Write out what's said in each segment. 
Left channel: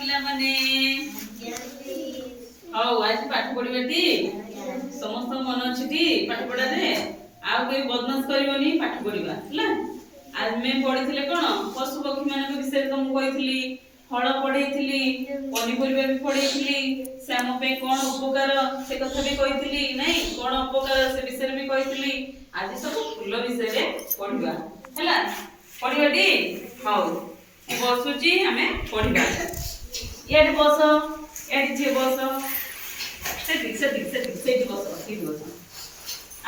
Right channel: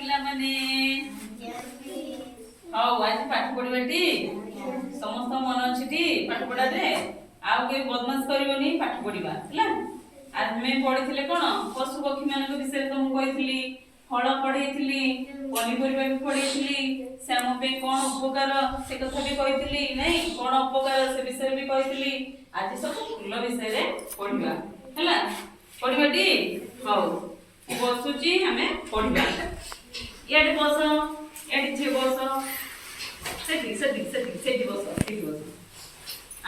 ପିଲାମାନେ ହଉ ଆଜି ପାଠ ପଢିବାଟି ସମସ୍ତ ମନ ଅଛି ଟି ପାଠ ପଢାରେ ଆଉ କେହି ବଦମାସ କରିବନି ପାଠ ପଢିବା ହେଲା। ଆଜି ଆମେ ପଢିଥିଲେ କଣ ପଶୁ ପକ୍ଷୀ ମାନଙ୍କ ବିଷୟରେ ତ ମୁଁ କହିଥିଲି, ଫଳ ପଢେଇଥିଲି, ପନିପରିବା ବି ପଢେଇଥିଲି, ସେ ଆମ ପାଇଁ କଣ ଉପକାର ସେ କଥା ବି କହିଥିଲି ନାଇଁ, କଣ ଉପକାର ସେ ବିଷୟରେ ବି କହିଥିଲି। ଆଜି ସବୁ ଫୁଲ ବିଷୟରେ ପଢିବା ହେଲା। ପଢିବାଟି ହଉ ବସୁଛି ଆମେ ପଢିବା। ଇଆଡେ ବସ, ଇଆଡେ ଝିଅ ବସ, ସେଠି ବସ, ସେଇଠି ବସ।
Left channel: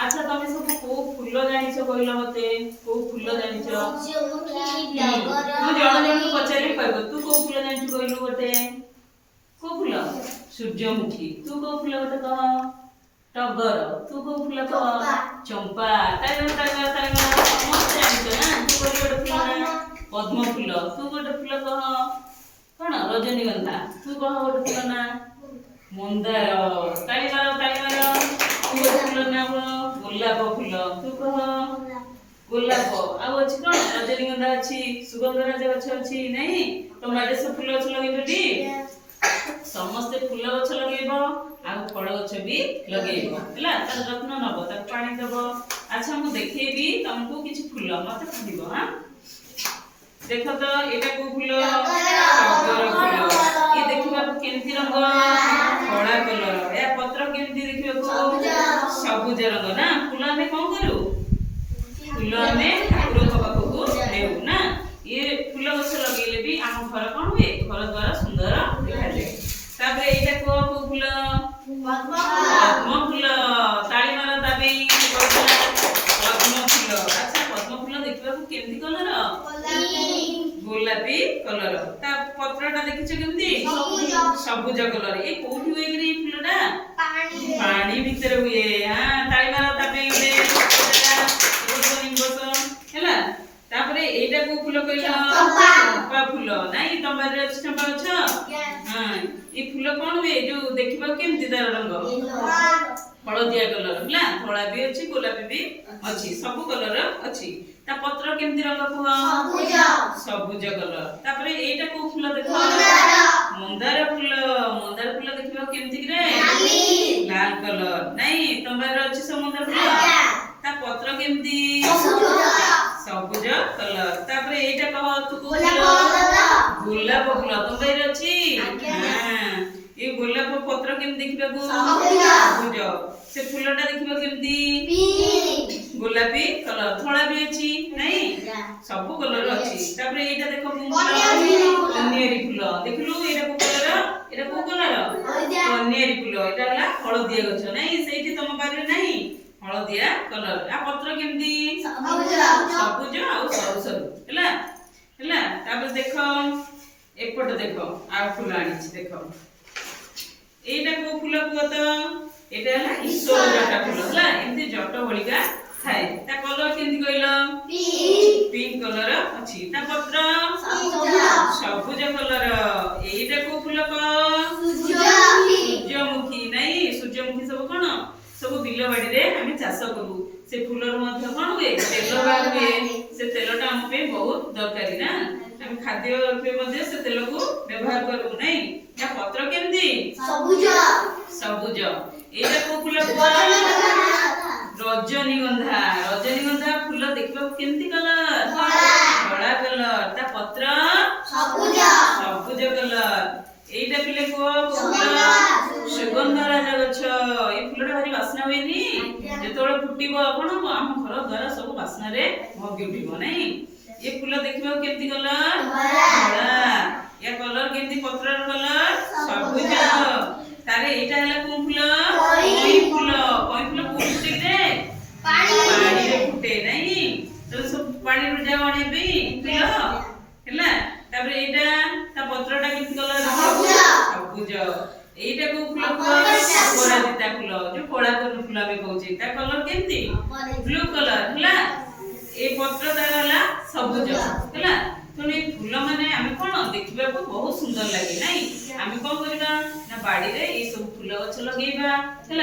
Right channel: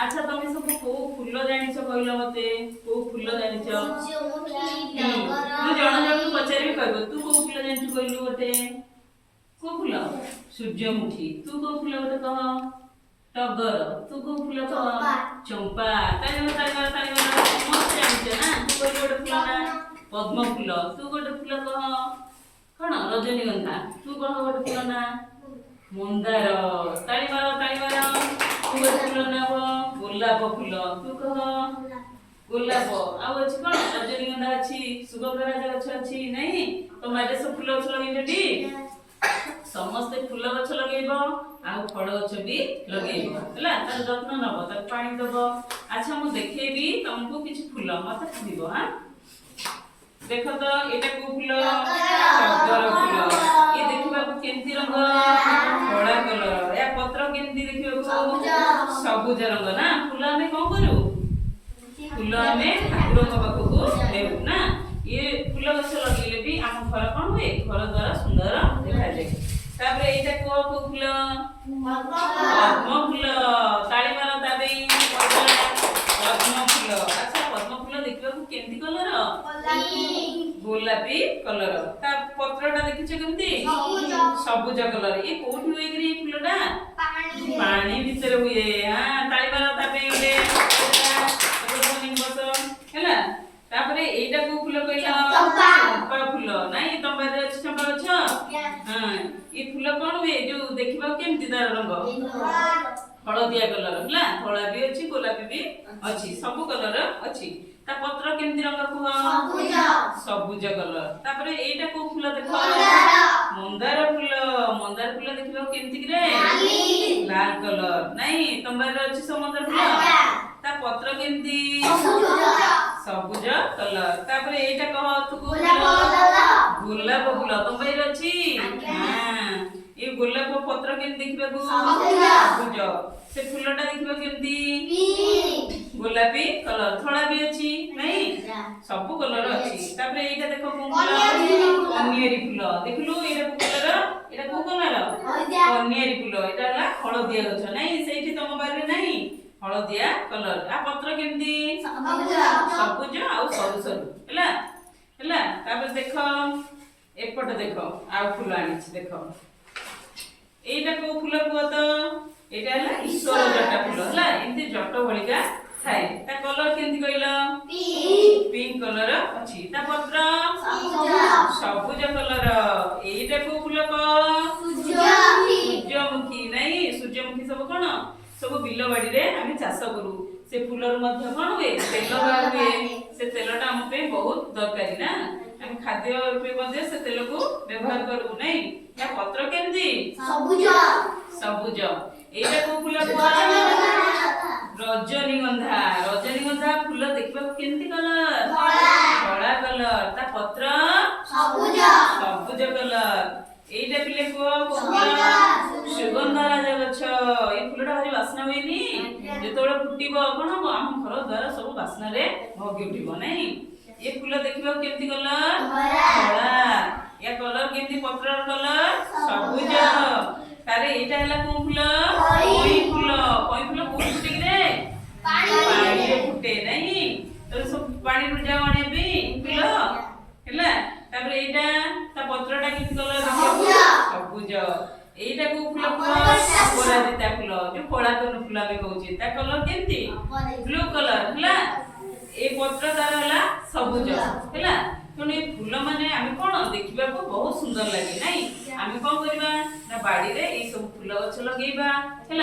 ଆଚ୍ଛା ତମେ ସବୁ କୋଉ ଫୁଲ ଜାଣିଛ କହିଲ ମତେ? କୋଉ ଫୁଲ ଜାଣିଛ? ମୁଁ ଜଣ ଜଣଙ୍କୁ ପଚାରିବି କହିବ। ତୁ କୋଉ ଫୁଲ ଜାଣିଛୁ କହିଲୁ ଗୋଟେ? କୋଉ ଫୁଲ? ସୂର୍ଯ୍ୟମୁଖୀ। ତୁ କୋଉ ଫୁଲ ଗୋଟେ କହ? ଟଗର। ତୁ କୋଉ ଫୁଲ କହ? ଚମ୍ପା। ସମସ୍ତେ ଜାଣିଛ ନା? ତୁ କହିଲୁ ଗୋଟେ ଫୁଲ ନା? ପଦ୍ମ ଫୁଲ। ତୁ ଗୋଟେ ଫୁଲ କହ? କଣ? ରଜନୀଗନ୍ଧା। ତୁ କହ ଗୋଟେ ଫୁଲ ନା? ମନ୍ଦାର। ତାଳି ମାର, ତାଳି ମାର। ତୁ ଗୋଟେ ଫୁଲ ନା କହ? ଗୋଲାପ ଫୁଲ। ତୁ କହ? ଗୋଲାପ। ଆଉ ଅଛି କଣ? ରଜନୀଗନ୍ଧା ଅଛି, ସୁଗନ୍ଧରାଜ ଗଛ ଅଛି ନାଇଁ? ତମ ଆଡେ ସବୁ ଫୁଲ ଗଛ ଲଗେଇଛନ୍ତି? ସମସ୍ତେ ଫୁଲ ଗଛ ଲଗେଇବ ଆଉ ଫଳ ଗଛ ବି ଲଗେଇବ ହେଲା। ତାର ଯତ୍ନ ନବ, ତାକୁ ପାଣି ଦବ। ଆଚ୍ଛା ମୁଁ ଦେଖେଇବି ତମକୁ କିଛି ଫୁଲ, ମତେ କହିବ। ହଁ ଦେଖ ତ ଏଇଟା କୋଉ ଫୁଲ? ଟଗର ଫୁଲ। ଇଏ ଦେଖିବାକୁ କେମିତି ରଙ୍ଗ? ଧଳା କଲର। ଏହା ପତ୍ର କେମିତି ଦେଖିବାକୁ? ସବୁଜ ରଙ୍ଗ ନା? ଫୁଲ ଆମେ କଣ କରୁ? ଫୁଲ ଆମେ ଠାକୁରଙ୍କ ପାଖକୁ ନେଉ ନା? ଇଏ ଫୁଲ ଗଛ ଲଗେଇଲେ ବି ଆମ ଘର କଣ ହୁଏ? ଘର ଦ୍ୱାର ସୁନ୍ଦର ଦେଖାଯାଏ। ତାପରେ ଏଇଟା କୋଉ ଫୁଲ? ପଦ୍ମ ଫୁଲ। ତାଳି ମାର ତା ପାଇଁ। ପଦ୍ମ ଫୁଲ। ଆଚ୍ଛା ପଦ୍ମ ଫୁଲ ଦେଖିବାକୁ କେମିତି କଲର? ଗୋଲାପୀ କଲର। ତା ପତ୍ରଟା ଦେଖିଛ କେମିତି? ସବୁଜ କଲର। ଏ କୋଉଠି ହୁଏ କି ଏଇ ଫୁଲଟା? ପାଣି ଭିତରେ ହୁଏ। ହଁ ତାଳି ମାର ତା ପାଇଁ ହେଲା। ତାପରେ ଏଇଟା କୋଉ ଫୁଲ କହିଲ? ଚମ୍ପା ଫୁଲ। ନାଇଁ ତମ ବାରିରେ ଅଛି ଚମ୍ପା ଗଛ? ହଁ ଏ ଫୁଲ କଣ ହୁଏ? ଯୋଉ ଦେଖିବାକୁ କେମିତି ତାର ରଙ୍ଗ? ହଳଦିଆ କଲର ହେଲା। ଧଳା ବି ଅଛି, ଗୋଲାପୀ ବି ଅଛି, ସବୁ କଲର ଅଛି। ତା ପତ୍ର କେମିତି ରଙ୍ଗ କୁହ? ସବୁଜ କଲର। ତାପରେ ଏଇଟା କୋଉ ଫୁଲ ଦେଖ? ମନ୍ଦାର ଫୁଲ। ମନ୍ଦାର ଫୁଲ ଦେଖିବାକୁ କେମିତି କିରେ? ଲାଲ କଲର। ନାଇଁ ତମ ବାରିରେ ଅଛି ସବୁ ମନ୍ଦାର ଫୁଲ? ତା ପତ୍ର କେମିତି? ସବୁଜ କଲର। ତାପରେ ଏଇଟା କହ ତୁ କୋଉ ଫୁଲ? ଗୋଲାପ ଫୁଲ। ତମ ବାରିରେ ଅଛି? ଏ ଗୋଲାପ ପତ୍ର କେମିତି ଦେଖିବାକୁ? ସବୁଜ। ସେ ଫୁଲଟା ଦେଖିବାକୁ କେମିତି? ଗୋଲାପୀ କଲର। ଧଳା ବି ଅଛି ନାଇଁ? ସବୁ କଲର ଅଛି। ତାପରେ ଏଇଟା ଦେଖ କୋଉ ଫୁଲ? କନିଆରୀ ଫୁଲ। ଦେଖିଲୁ ଏଇଟା କୋଉ କଲର? ଏଇଟା କୋଉ କଲର? କନିଆରୀ ଫୁଲ। ଏଇଟା ହେଲା ହଳଦିଆ ଗଛ ନାଇଁ? ସେଇଠି ତମ ବାରିରେ ନାହିଁ? ହଳଦିଆ କଲର। ଆ ପତ୍ର କେମିତି? ସବୁଜ ଆଉ ସରୁ ସରୁ ହେଲା। ହେଲା। ତାପରେ ଦେଖ ଏପଟେ ଦେଖ ଆଉ ଫୁଲ ଆଣିଛି ଦେଖ। ଏଇଟା କୋଉ ଫୁଲ କୁହ ତ? ଏଇଟା ହେଲା ଈଶ୍ୱର ଜଟା ଫୁଲ ହେଲା। ଏମିତି ଜଟ ଭଳିକା ଥାଏ। ତା କଲର କେମିତି କହିଲ? ପିଙ୍କ କଲର ଅଛି। ତା ପତ୍ର ସବୁଜ କଲର। ଏଇଟା କୋଉ ଫୁଲ କହ? ସୂର୍ଯ୍ୟମୁଖୀ। ନାଇଁ ସୂର୍ଯ୍ୟମୁଖୀ ସବୁ କଣ? ସବୁ ବିଲ ବାଡିରେ ଆମେ ଚାଷ କରୁ। ସେ ଫୁଲରୁ ମଧ୍ୟ କଣ ହୁଏ? ତେଲ ବାହାର ହୁଏ। ସେ ତେଲଟା ଆମ ପାଇଁ ବହୁତ ଦରକାରୀ ନା? ଆମେ ଖାଦ୍ୟ ରୂପେ ମଧ୍ୟ ସେ ତେଲକୁ ବ୍ୟବହାର କରୁ ନାଇଁ? ତା ପତ୍ର କେମିତି? ସବୁଜ। ଏଇଟା କୋଉ ଫୁଲ କୁହ? ରଜନୀଗନ୍ଧା। ରଜନୀଗନ୍ଧା ଫୁଲ ଦେଖିବାକୁ କେମିତି କଲର? ଧଳା କଲର। ତା ପତ୍ର ସବୁଜ କଲର। ଏଇଟା ପିଲେ କୁହ ସୁଗନ୍ଧରାଜ ଗଛ। ଏଇ ଫୁଲଟା ଭାରି ବାସ୍ନା ହୁଏନି? ଯେତେବେଳେ ଫୁଟିବ କଣ ହବ? ଆମ ଘର ଦ୍ୱାର ସବୁ ବାସ୍ନାରେ ମହକି ଉଠିବ ନାଇଁ? ଏ ଫୁଲ ଦେଖିବାକୁ କେମିତି କଲର? ଧଳା। ୟା କଲର କେମିତି? ପତ୍ରର କଲର ସବୁଜ। ତାହେଲେ ଏଇଟା ହେଲା କୋଉ ଫୁଲ? କଇଁ ଫୁଲ। କଇଁ ଫୁଲ କୋଉଠି ଫୁଟେ କିରେ? ପାଣିରେ ଫୁଟେ ନାଇଁ? ତାହେଲେ ସବୁ ପାଣିରୁ ଯାଉ ଆଣିବା ପାଇଁ ଫୁଲ ହେଲା। ତାପରେ ଏଇଟା ତା ପତ୍ରଟା କେମିତି କଲର? ସବୁଜ। ଏଇଟା କୋଉ ଫୁଲ କୁହ? ଅପରାଜିତା ଫୁଲ। ଯୋଉ କଳା ଫୁଲ ଆମେ କହୁଛେ ତା କଲର କେମିତି? ବ୍ଲୁ କଲର ହେଲା। ଏ ପତ୍ର ତାର ହେଲା ସବୁଜ ହେଲା। ତେଣୁ ଏ ଫୁଲ ମାନେ ଆମେ କଣ ଦେଖିବାକୁ ବହୁତ ସୁନ୍ଦର ଲାଗେ ନାଇଁ? ଆମେ କଣ କରିବା ନା ବାଡିରେ ଏଇ ସବୁ ଫୁଲ ଗଛ ଲଗେଇବା ହେଲା।